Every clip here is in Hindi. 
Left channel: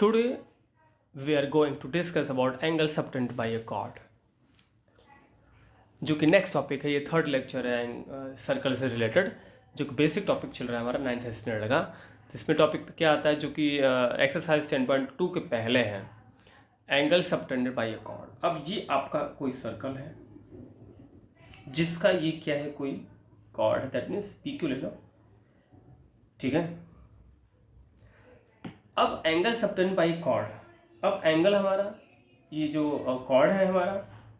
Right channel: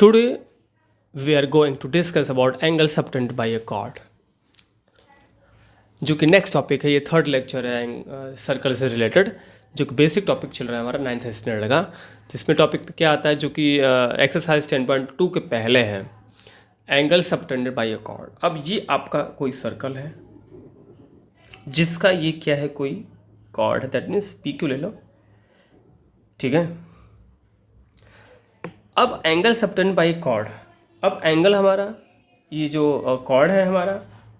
Today we are going to discuss about angle subtended by a chord, जो कि नेक्स्ट टॉपिक है। ये थर्ड लेक्चर है सर्कल से रिलेटेड, जो कि बेसिक टॉपिक चल रहा है हमारा 9th स्टैंडर्ड का। जिसमें टॉपिक पे क्या आता है, जो कि एक्सरसाइज 10.2 के पहले है, angle subtended by a chord। अब ये आपका कोई सर्कल है जिसका ये क्या है, कोई chord है, दैट मीन्स पी क्यू ले लो, ठीक है। अब angle subtended by a chord, अब एंगल हमारा ये जो chord है हमारा,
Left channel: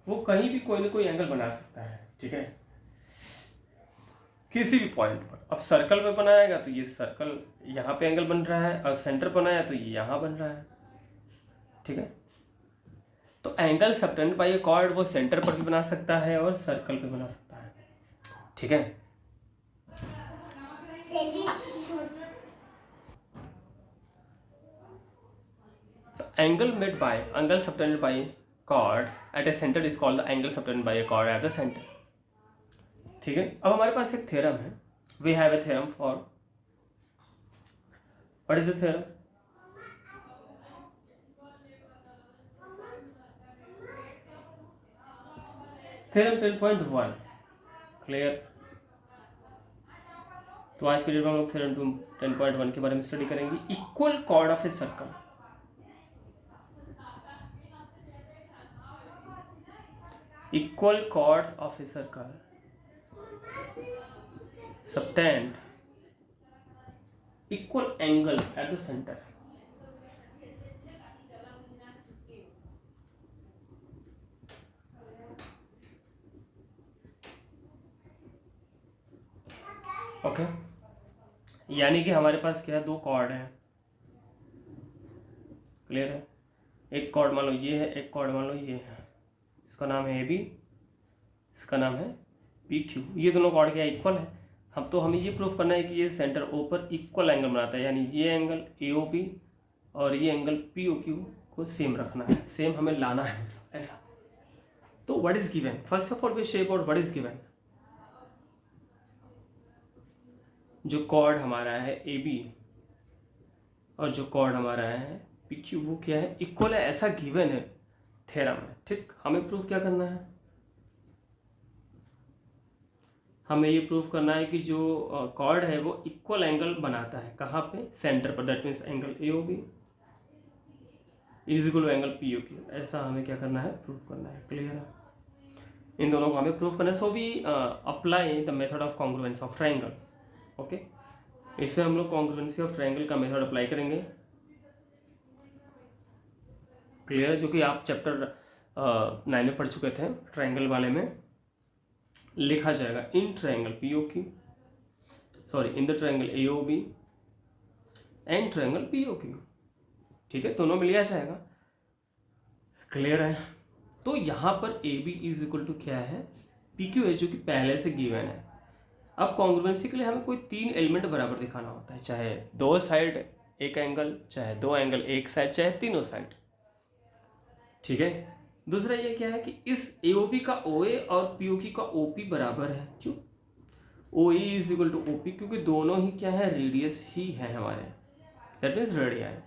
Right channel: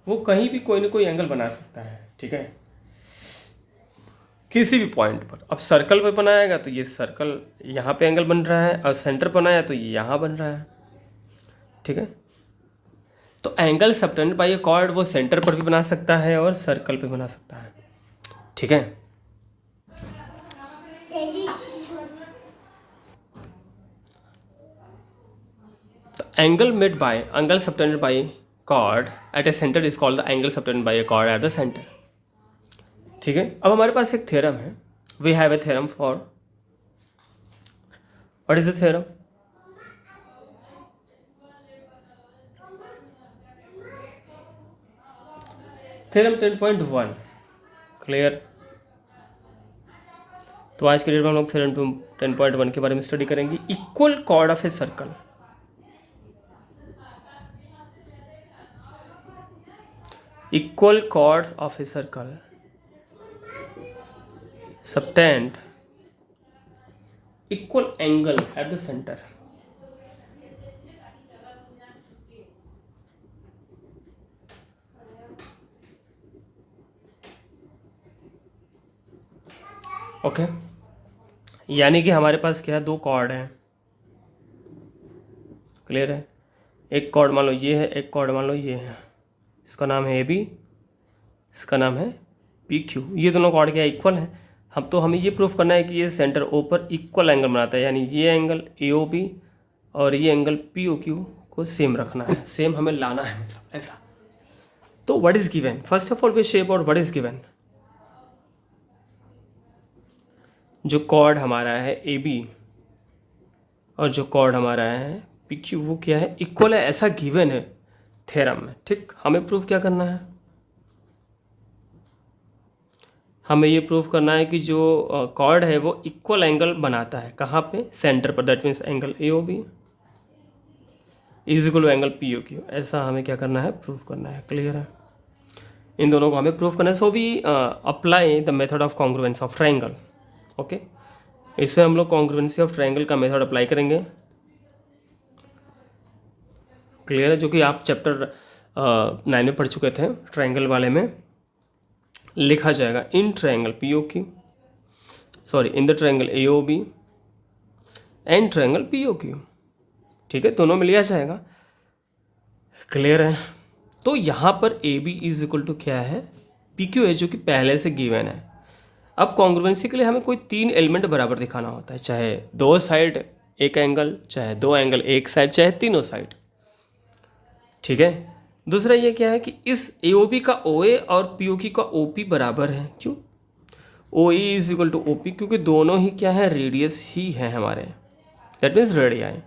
वो कहीं भी कोई ना कोई एंगल बना सकता है, ठीक है, किसी भी पॉइंट पर। अब सर्कल पे बनाएगा तो ये सर्कल यहाँ पे एंगल बन रहा है, और सेंटर बनाया तो ये यहाँ बन रहा है, ठीक है। तो angle subtended by a chord वो सेंटर पर भी बना सकता है और सर्कल पे बना सकता है, ठीक है। तो angle subtended by chord at a centre is called the angle subtended by a chord at the centre, ठीक है। अब हमारे पास एक थ्योरम है, we have a theorem for, what is the theorem? Theorem 10.1 clear. तो आज के डेट में हम लोग थ्योरम 10.1 के बारे में स्टडी करेंगे। Equal cord of a circle, equal chords of a circle subtend equal angle at the center, okay. यानी कि हमारे पास क्या है, दो कॉर्ड हैं, क्लियर है। एक कॉर्ड मान लो ये है, एक कॉर्ड मान लो ये है, इसका नाम है ए बी, इसका नाम है पी क्यू। ये दोनों कॉर्ड क्या इक्वल है। हमें ये प्रूफ करना है कि ये सेंटर ओ पर इक्वल एंगल बनाता है, यानी ये एंगल ए ओ बी और ये एंगल पी ओ क्यू को सेम रखना है, सेम हमें लाना है, मतलब ऐसा। तो what is given, first of all V shape out what is given. जो कॉर्ड हमारा है ए बी और जो कॉर्ड हमारा है पी क्यू, वो क्या है, इक्वल है, ऐसा गिवन है थ्योरम में, ठीक। हमें प्रूफ क्या करना है, हमें ये प्रूफ करना है कि जो कॉर्ड है वो इक्वल एंगल बनाता है, कहाँ पे, सेंटर पर, that means angle A O B is equal to angle P O Q. ऐसा हमें क्या करना है, प्रूफ करना है, क्लियर है। इन दोनों को हमें प्रूफ करना है। So we apply the method of congruence of triangle, okay. इसमें हम लोग कॉन्ग्रुएंसी ऑफ ट्रायंगल का मेथड अप्लाई करेंगे, क्लियर है, जो कि आप चैप्टर 9 में पढ़ चुके थे। ट्रायंगल वाले में लिखा जाएगा in triangle P O Q, sorry in the triangle A O B and triangle P O Q, ठीक है, दोनों में लिया जाएगा, क्लियर है। तो यहाँ पर A B is equal to क्या है, पी क्यू है, जो कि पहले से गिवन है। अब कॉन्ग्रुएंसी के लिए हमें कोई तीन एलिमेंट बराबर दिखाना होता है, चाहे दो साइड एक एंगल, चाहे दो एंगल एक साइड, चाहे तीनों साइड, ठीक है। दूसरा ये क्या है कि इस ए ओ बी का ओ ए और पी ओ क्यू का ओ पी बराबर है, क्यों, O E is equal to O P, क्योंकि दोनों ही क्या है, रेडियस ही है हमारे, that means radii.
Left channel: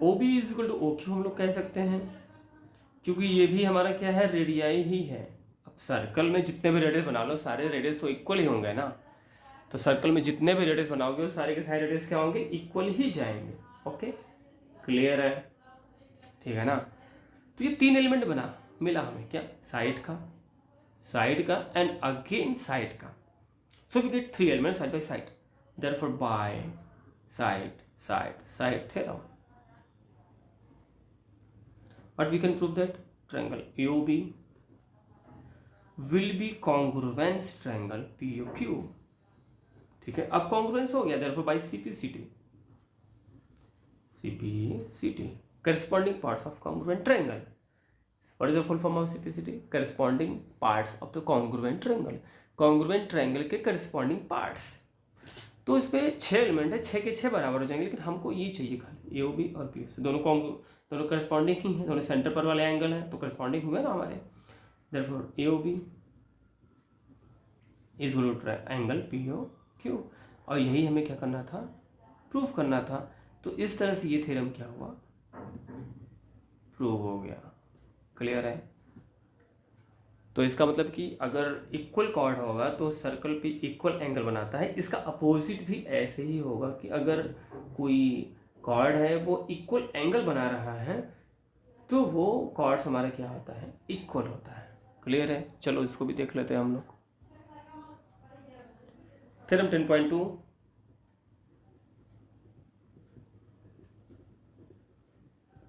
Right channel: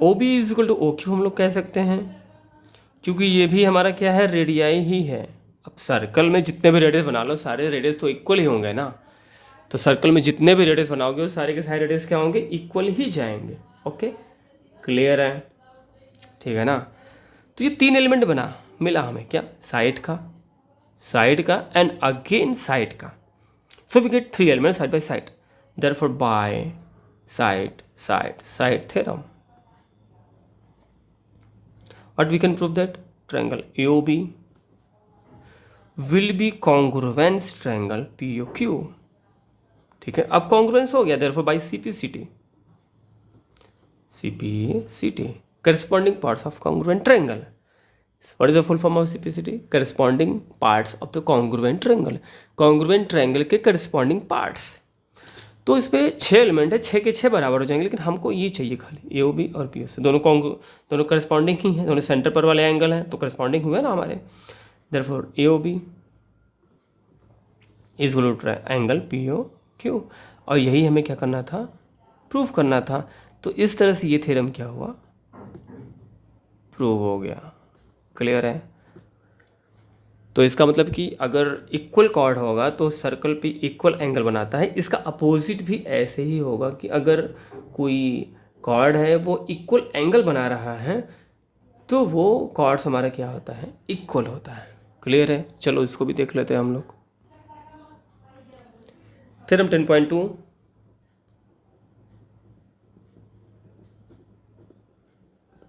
O B is equal to O Q हम लोग कह सकते हैं, क्योंकि ये भी हमारा क्या है, रेडियाई ही है। अब सर्कल में जितने भी रेडियस बना लो, सारे रेडियस तो इक्वल ही होंगे ना। तो सर्कल में जितने भी रेडियस बनाओगे वो सारे के सारे रेडियस क्या होंगे, इक्वल ही जाएंगे, ओके, क्लियर है, ठीक है ना। तो ये तीन एलिमेंट बना, मिला हमें क्या, साइड का एंड अगेन साइड का। So we get three element side by side, therefore by side side side theorem. What we can prove that triangle AOB will be congruence triangle POQ, ठीक है। अब congruence हो गया, therefore by CPCT corresponding parts of congruent triangle. What is the full form of CPCT? Corresponding parts of the congruent triangle. Congruent triangle के corresponding parts। तो इस पर 6 एलिमेंट है, 6 के 6 बराबर हो जाएंगे, लेकिन हमको ये चाहिए खाली ए ओ बी और पी ओ से, दोनों करस्पॉन्डिंग ही हैं, दोनों सेंटर पर वाले एंगल हैं, तो करस्पॉन्डिंग हुए ना हमारे, therefore A O B is equal to angle P O Q. और यही हमें क्या करना था, प्रूफ करना था। तो इस तरह से ये थ्योरम क्या हुआ, प्रूव हो गया। क्लियर है? तो इसका मतलब कि अगर इक्वल कॉर्ड होगा तो सर्कल पे इक्वल एंगल बनाता है। इसका अपोजिट भी ऐसे ही होगा कि अगर कोई कॉर्ड है वो इक्वल एंगल बना रहा है तो वो कॉर्ड्स हमारा क्या होता है, इक्वल होता है। क्लियर है? चलो इसको भी देख लेते हैं हम लोग। थ्योरम 10.2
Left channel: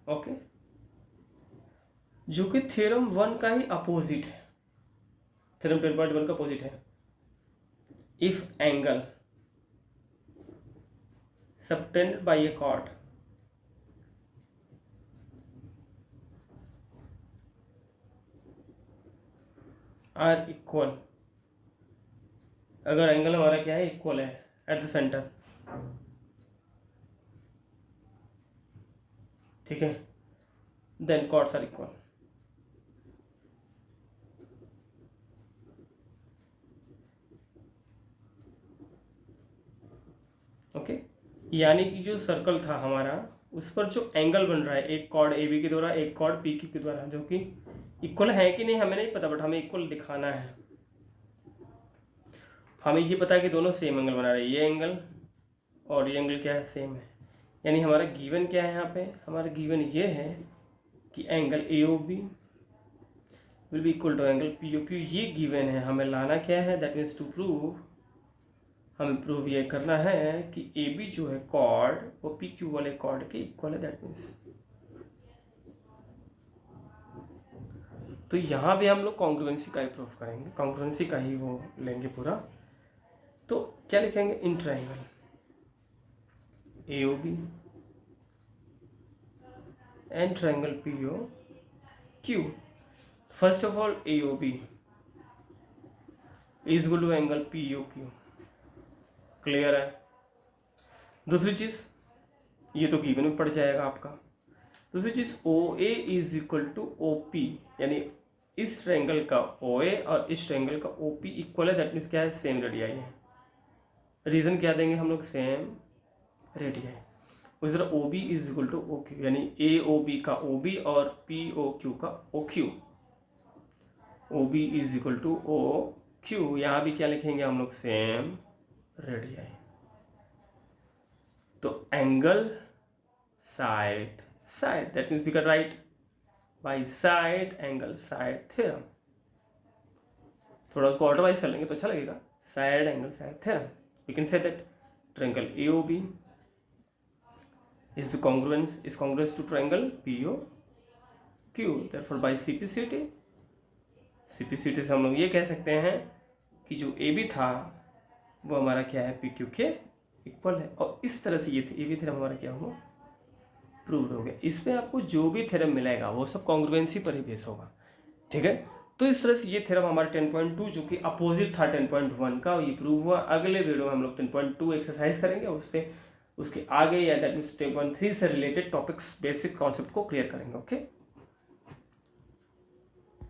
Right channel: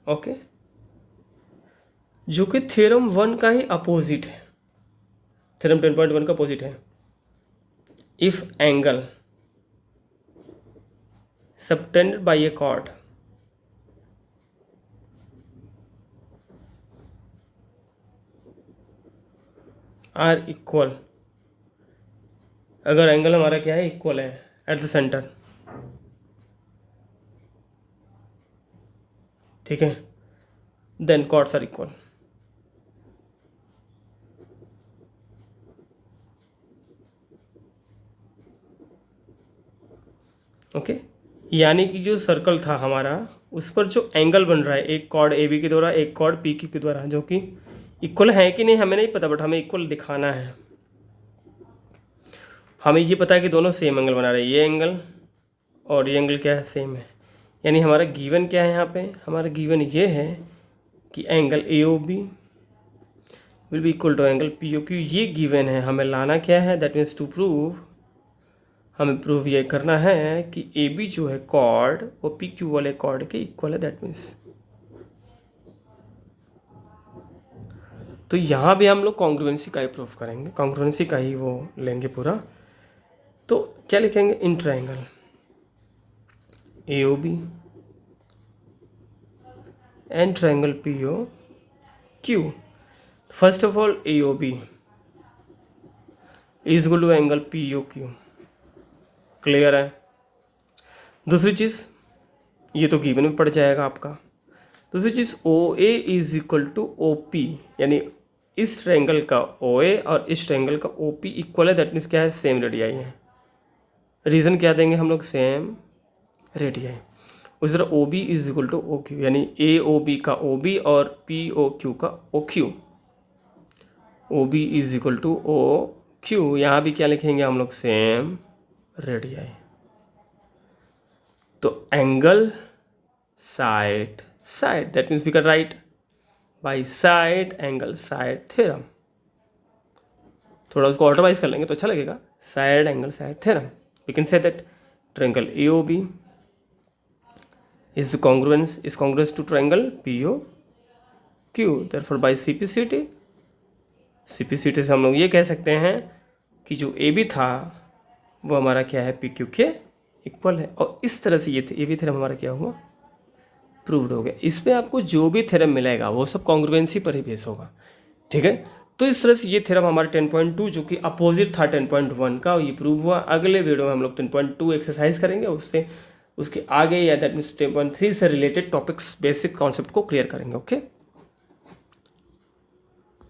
ओके, जो कि थ्योरम 1 का ही अपोजिट है। थ्योरम 10.1 का अपोजिट है। If angle subtended by a chord are equal, अगर एंगल हमारा क्या है, इक्वल है एट द सेंटर, ठीक है, then chords are equal. Okay, यानी कि जो सर्कल था हमारा उस पर जो एंगल बन रहा है, एक कॉर्ड ए बी के द्वारा एक कॉर्ड पी क्यू के द्वारा, जो कि इक्वल है कि नहीं हमें नहीं पता, बट हमें इक्वल दिखाना है। हमें ये पता है कि दोनों सेम एंगल बना रहे हैं, ये एंगल और ये एंगल क्या है, सेम है। यानी हमारा गिवन क्या है, यहाँ पे हमारा गिवन ये है कि angle A O B will be equal to angle P O Q. ये गिवन है, हमें लाना क्या है, दैट मीन्स टू प्रूव, हमें प्रूव ये करना है कि ए बी जो है कॉर्ड वो पी क्यू वाले कॉर्ड के इक्वल है। दैट मीन्स तो यहाँ भी हम लोग कॉन्ग्रुएंसी का ही प्रूफ करेंगे, कॉन्ग्रुएंसी का ही वो लेंगे पूरा। तो क्या लिखेंगे, in triangle A O B and triangle P O Q, first of all A O B is equal to angle P O Q. Clear है? दूसरी चीज़, ये तो गिवन में पड़ जाएगा आपका। दूसरी चीज़, O A is equal to O P, यानी इस ट्रायंगल का ओ ए और इस ट्रायंगल का ओ पी इक्वल है। दैट मीन्स क्या है, सेम रेडियाई है। रीज़न क्या देंगे हम लोग, सेम रेडियाई। उस तरह O B is equal to O Q, यानी ए ओ बी का ओ बी और पी ओ क्यू का O Q. O B is equal to O Q, यहाँ भी क्या लिखेंगे हम लोग, सेम रेडियाई। तो angle side side, that means we can write by side angle side theorem. थोड़ा उसको ऑल्टरवाइज कर लेंगे तो अच्छा लगेगा, side angle side theorem. We can say that triangle AOB is congruous to triangle POQ, therefore by CPCT से हम लोग ये कह सकते हैं कि जो AB था वो हमारा क्या है, PQ के इक्वल है। और इस तरह से ये AB थ्योरम हमारा क्या हुआ, प्रूव्ड हो गया। इस पे आपको जो भी थ्योरम मिलेगा वो सब कॉन्ग्रुएंसी पर ही बेस होगा, ठीक है। तो इस तरह से ये थ्योरम हमारा 10.2 जो कि अपोजिट था 10.1 का, ये प्रूव हुआ। अगले वीडियो में हम लोग 10.2 एक्सरसाइज करेंगे, उससे उसके आगे या दैट मीन्स 10.3 से रिलेटेड टॉपिक्स, बेसिक कॉन्सेप्ट को क्लियर करेंगे। ओके।